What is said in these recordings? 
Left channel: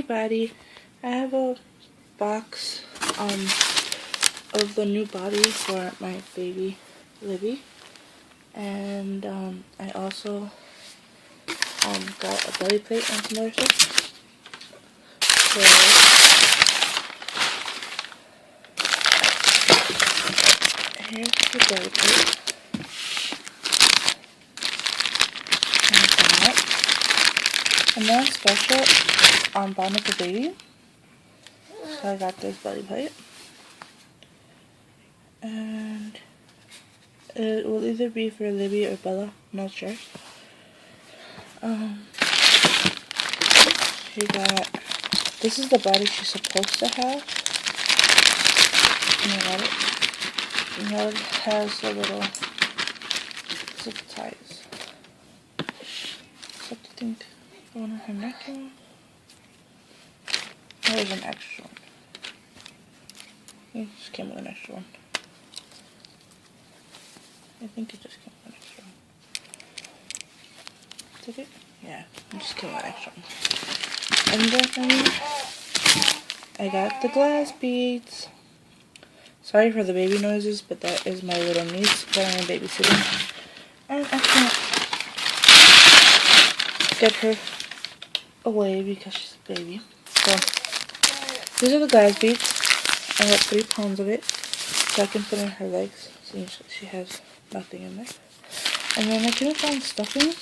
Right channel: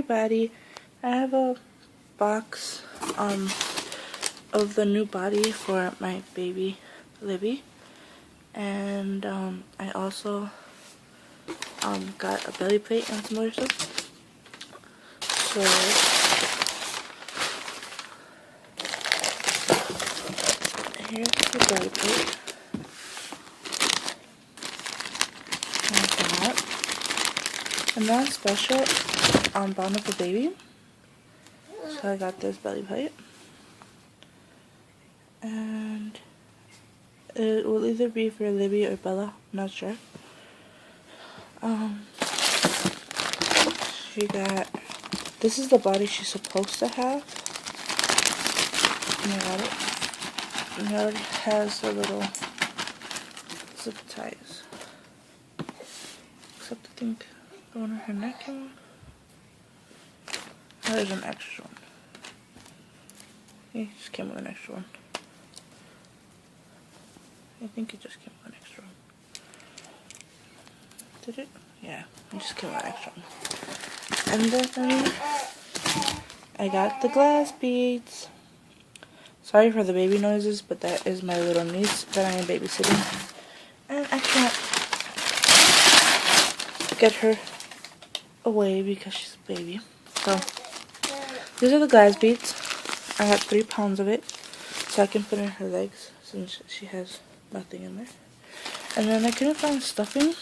everybody, I have a box of the new body for my baby Libby, and I also got a belly plate and some other stuff. So here's the belly plate. And then special on bottom of the baby. So I got this belly plate. And it will either be for Libby or Bella, I'm not sure. She got, this is the body she's supposed to have. And I got it. And it has a little zip ties. Except I think the one on her neck. There's an extra one. It just came with an extra one. I think it just came with an extra one. Did it? Yeah, it just came with an extra one. And then I got the glass beads. Sorry for the baby noises, but that is my little niece that I am babysitting. And I can't get her away because she's a baby. So these are the glass beads. I have 3 pounds of it, so I can put in her legs since she has nothing in there. And then I couldn't find stuffing,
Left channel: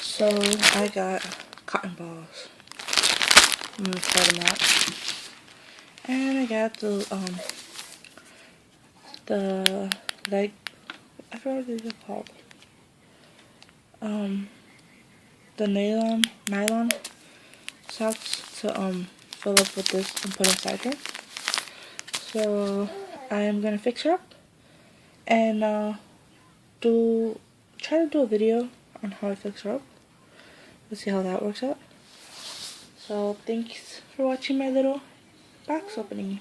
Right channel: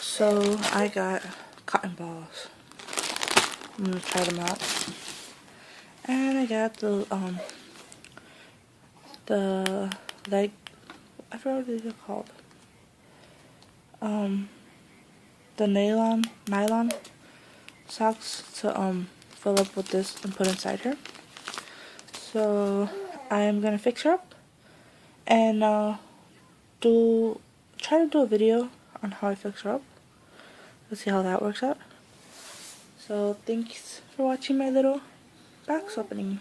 so I got cotton balls. I'm gonna try them out. And I got the leg, I forgot what these are called. The nylon socks to fill up with this and put inside her. So I'm gonna fix her up and try to do a video on how I fix her up. Let's see how that works out. So thanks for watching my little box opening.